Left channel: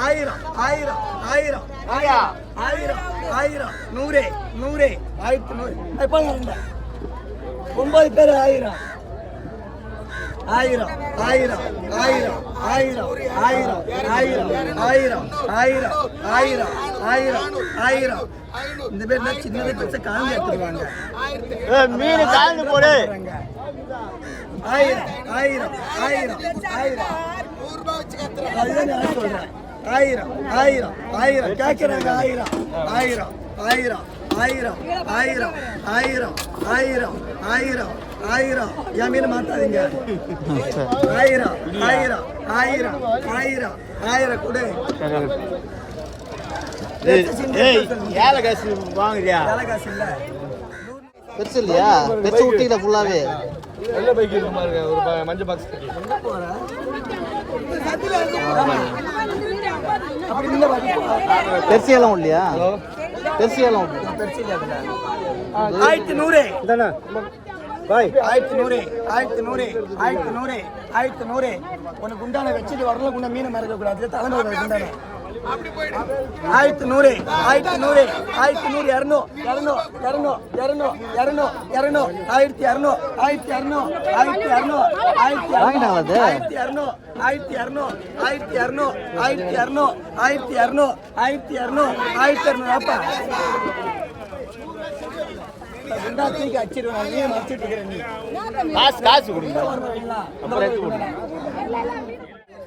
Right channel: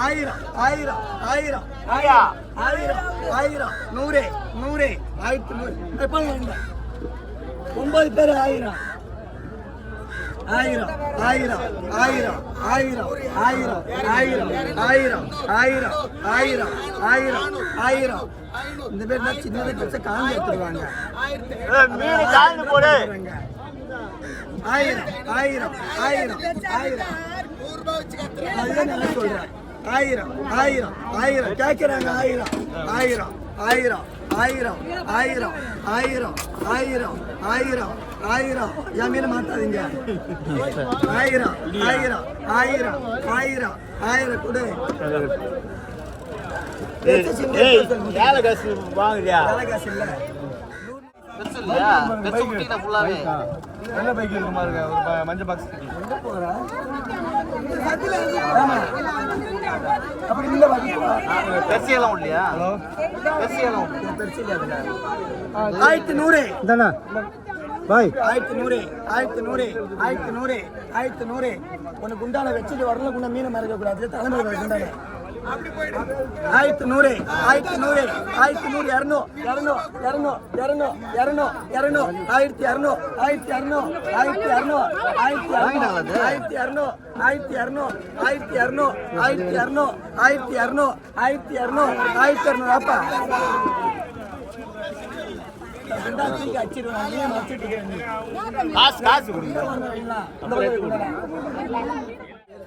ஆயிரம் ஆயிரம் ஆயிரம் ஆயிரம் ஆயிரம் ஆயிரம் நூறு நூறு ஆயிரத்தி நூறு. ஒன்பது பேர் ஆயிரம் ஆயிரம் ஆயிரம் ஆயிரம் ஆயிரம் ஆயிரம் ஆயிரம் ஆயிரம் ஆயிரம் ஆயிரம் ஆயிரம் ஆயிரம் இந்த பேர் தான் சின்னதை பெருசா காஞ்சி எடுத்துருவாங்க மீன் காய்ந்து போடு ஆயிரம் ஆயிரம் ஆயிரம் ஆயிரம் அதுதான் நான் சொல்றேன் ஆயிரம் ஆயிரம் ஆயிரம் கேட்கிறாங்க ஆயிரம் ஆயிரம் ஆயிரம் ஆயிரம் ஆயிரம் ஆயிரம் ஆயிரம் ஆயிரம் ஆயிரம் என் மீன் மாத்தாதீங்க ஆயிரம் ஆயிரம் ஆயிரம் ஆயிரம் ஆயிரம் கொடு வேலை காசு வாங்குறியா வேலை காசு இல்ல பெருசு இல்லையா பெருசு குட்டியில ஃபுல்லாவே நல்ல பைக் இருக்கு ஒரு மஞ்சள் பாக்ஸ் எங்க இல்லையா பெருசு எல்லாம் பெருசு இல்ல அதுல. 1100 இதானே பாய். ஆயிரத்தி நூறு ஆயிரத்தி நூறு ஆயிரத்தி நூறு ஆயிரத்தி நூறு. உனக்கு உண்டான வச்சுட்டு வரல குண்டா மீன் மறக்க கூடாது தலைமுறை குண்டான. ஆயிரத்தி நூறு ஆயிரத்தி நூறு ஆயிரத்தி நூறு இரநூ இரநூ இரநூ இரநூ இரநூ இரநூ ஆயிரத்தி இரநூ ஆயிரத்தி இரநூ ஆயிரத்தி இரநூ ஆயிரத்தி இரநூ ஆயிரத்தி இரநூ ஆயிரத்தி இரநூ ஆயிரத்தி இரநூ ஆயிரத்தி இரநூ ஆயிரத்தி இரநூ ஆயிரத்தி இரநூ ஆயிரத்தி இரநூறு அப்பா ரெண்டா தூக்கி அடிச்சிருவேன் நீ மறைச்சிட்டு இருக்கிற நீ காசு காசு கொடுங்க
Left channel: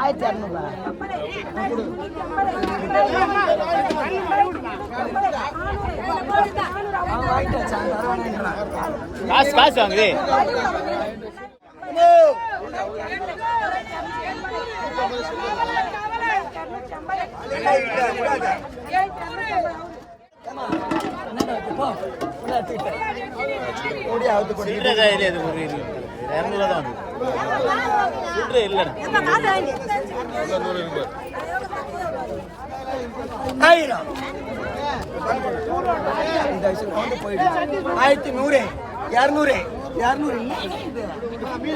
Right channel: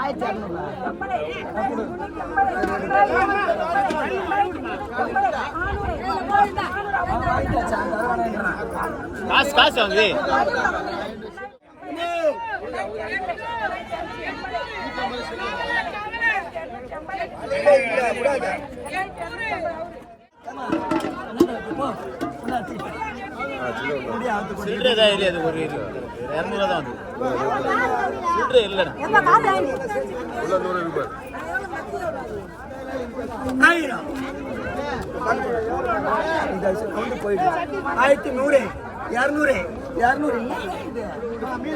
ஆயிரத்தி இரநூறுவா காசு காசு வாங்குது. சில்லறை கையில் இது ஒரு ஆயிரம் ஆயிரத்தி நூறு. இரநூறு இரநூறு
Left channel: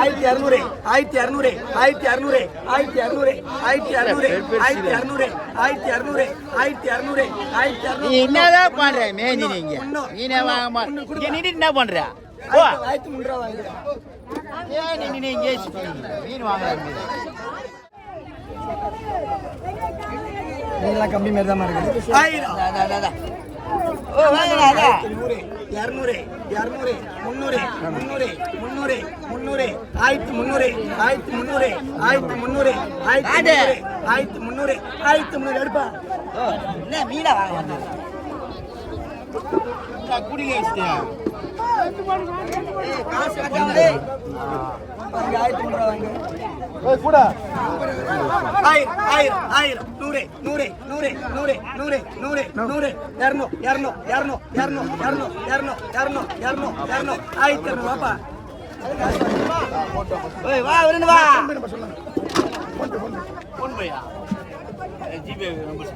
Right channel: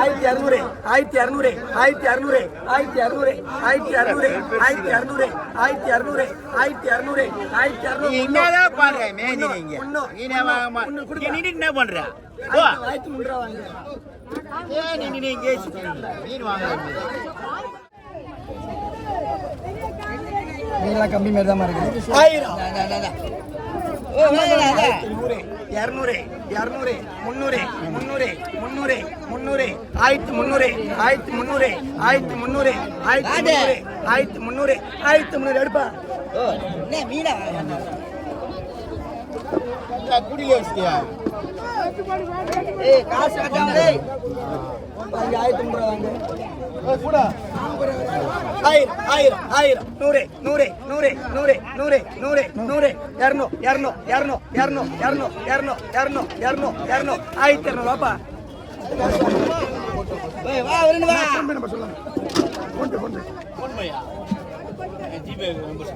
ஆயிரத்தி இரநூறு ஆயிரத்தி இரநூறு ஆயிரத்தி இரநூறு ஆயிரத்தி இரநூறு ஆயிரத்தி இரநூறு ஆயிரத்தி இரநூறு ஆயிரத்தி இரநூறு ஆயிரத்தி இரநூறு ஆயிரத்தி என்னதான் பண்ற? நீங்க. என்ன பண்ற? ஆயிரத்தி மூன்று ரூபா வாங்குறேன் கம்மி மாதிரி தான் இருக்கு. இரநூறு இரநூறு முன்னூறு முன்னூறு முன்னூறு முன்னூறு ஆயிரத்தி முன்னூறு ஆயிரத்தி முன்னூறு ஆயிரத்தி முன்னூறு ஆயிரத்தி ஆயிரத்தி முன்னூறு ஆயிரத்தி முன்னூறு எடுப்பா. என்ன மீனா குடியில வச்சியா காசு ஆயிரத்தி முன்னூறு வாங்க ஆயிரம் ஆயிரம் ஆயிரம். நூறு நூறு நூறு நூறு நூறு நூறு நூறு. இரநூ இரநூ இரநூ இரநூ இரநூ இரநூ இரநூ இரநூ இரநூ ஆயிரத்தி இரநூறு வாப்பா. வா ஒரு வா. ஃபோன் பையா ஜிபே நம்பர்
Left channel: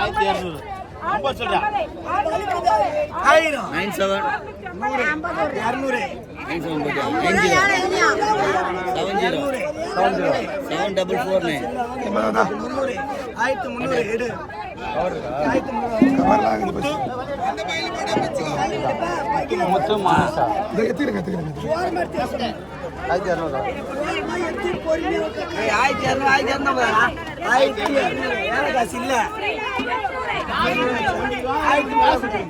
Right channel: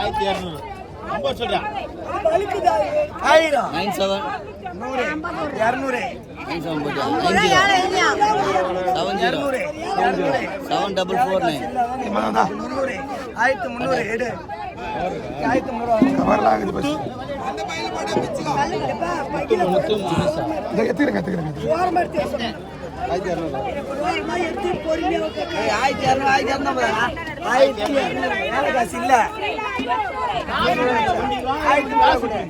ஆயிரத்தி இரநூறு. நம்பர் சொல்றேன். ஆயிரம் நைன் செவன் நூறு இரநூறு. Nine seven seven zero seven double four nine முந்நூறு ஆயிரத்தி முந்நூறு. முத்து மாசா எத்துக்கிறேங்க எத்துக்கிறேங்க ஆயிரத்தி இரநூறு ஆயிரத்தி இரநூறு ஆயிரத்தி இரநூறு ஆயிரத்தி இரநூறு வேலை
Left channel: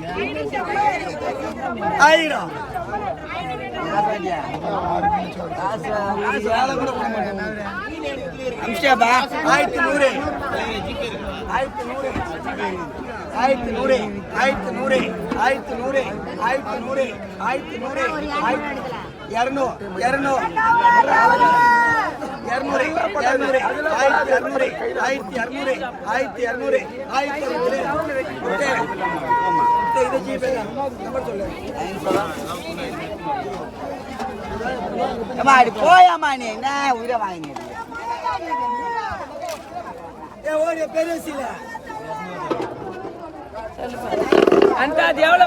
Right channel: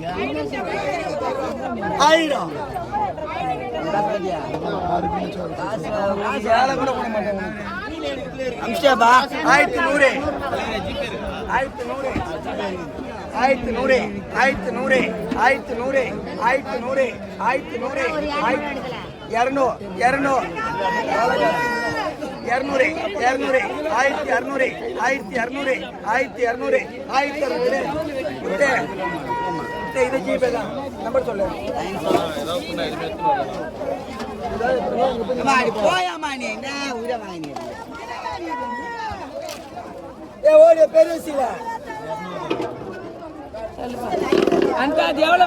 ஆயிரம் அம்சாபா ஆயிரத்தி நூறு. ஆயிரத்தி நூறு ஆயிரத்தி நூறு ஆயிரத்தி நூறு ஆயிரத்தி நூறு ஆயிரத்தி நூறு ஆயிரத்தி நூறு இரநூறு இரநூறு இரநூறு இரநூறு ஆயிரத்தி இரநூறு ஆயிரத்தி இரநூறு ஆயிரத்தி இரநூறு ஆயிரத்தி இரநூறு இது ஜிபே தான். நம்பர் சொல்லு. அம்மா, அடி போயாம்மா நீ? என்ன உயிரை வாங்கினீங்க? ஏ ஓடி பெரிய சில அந்த அது எவ்வளோ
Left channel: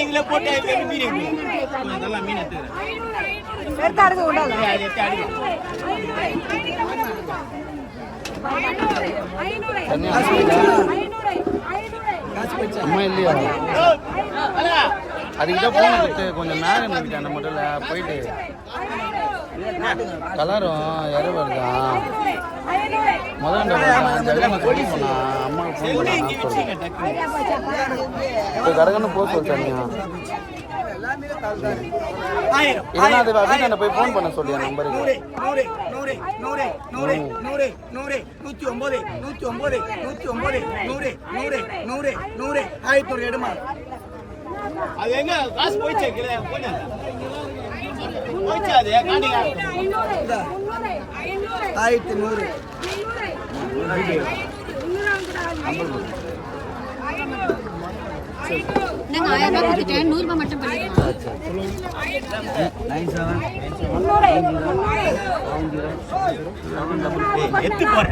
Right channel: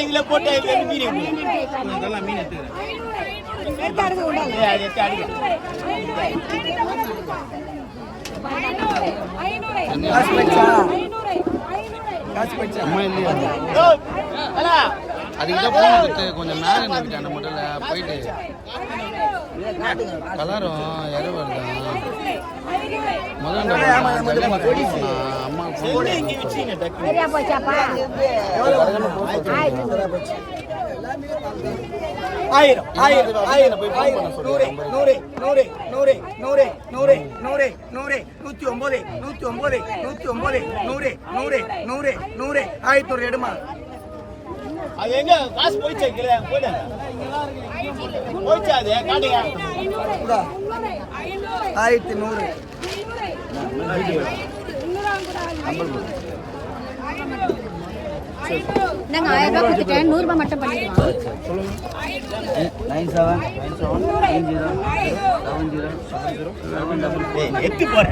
இதுல போட்டு அதெல்லாம் கொஞ்சம் நேரம் போயிட்டு. கலரும் இறவர் தான் முதல்ல ஆயிரம் ஆயிரம் ஆயிரம் போய் phone பண்ண சொல்லு, நூறு நூறு நூறு நூறு நூறு நூறு நூறு. நூத்தி ஒன்பது நூத்தி ஒன்பது நூத்தி ஒன்பது நூறு நூறு நூறு நூறு. ஆயிரத்தி ஒரு எடுமா? அது எங்க? காசு போயிச்சா கீழே போயிட்டாங்க போயிச்சா அது காட்டுங்க ஆயிரத்தி நூறு. நாங்க ஆயிரம் ரூபாய் கொடுத்துட்டேன் நூறு ரூபாய் மட்டும் பண்ணிக்கலாம். நைன் செவன் எத்து முத்துரு.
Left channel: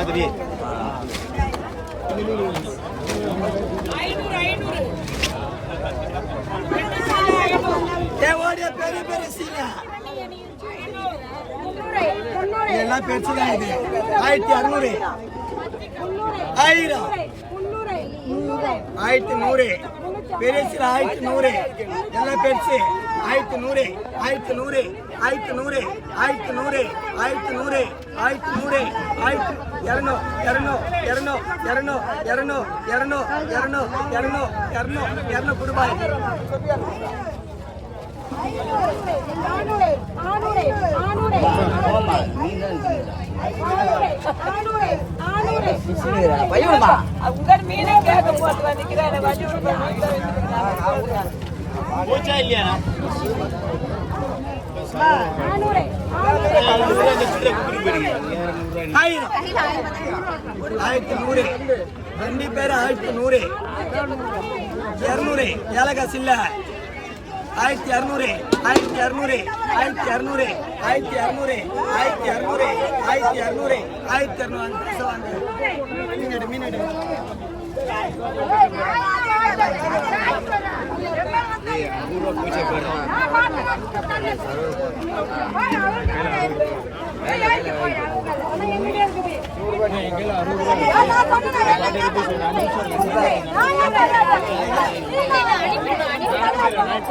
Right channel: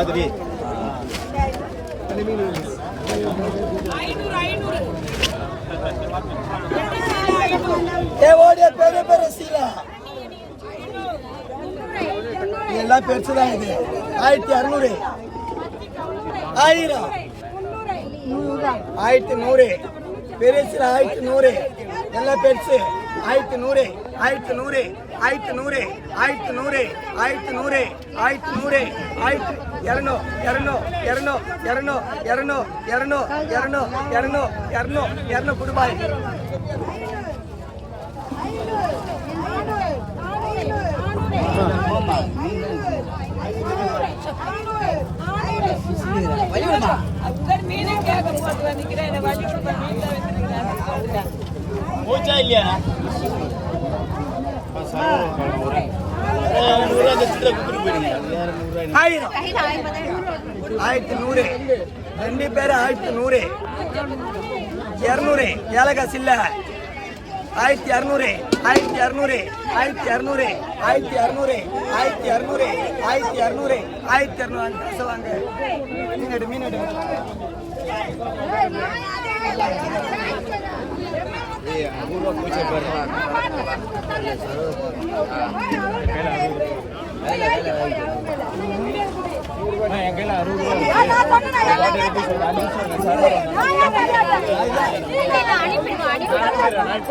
அது டேய் பெரிய பெரிய சீல. இதெல்லாம் பெருசுதான் இது. ஆயிரத்தி அறுநூறு. ஆயிரம். ஆயிரத்தி நூறு. பெருசுல ஆயிரத்தி நூறு எல்லாம் பெருசு ஆயிரத்தி நூறு ஆயிரத்தி நூறு ஆயிரத்தி நூறு ஆயிரத்தி நூறு ஆயிரத்தி நூறு ஆயிரத்தி நூறு ஆயிரத்தி இரநூ இரநூ இரநூ இரநூ இரநூ இரநூ இரநூ இரநூ இரநூ இரநூ ரூபாய் பையன் போச்சா இல்லையா ஆயிரத்தி நூறு ரெண்டு பேரும் ஆயிரத்தி நூறு. இரநூறு. ஏலகாசு இல்ல ஆயிரத்தி இரநூறு ஆயிரத்தி அறுநூறு ஆயிரத்தி அறுநூறு ஆயிரத்தி அறுநூறு ஆயிரத்தி அறுநூறு ஆயிரத்தி அறுநூறு ஆயிரத்தி அறுநூறு பேசுவாங்க மீனடு மீனடு அறுபது அனுப்புறேன்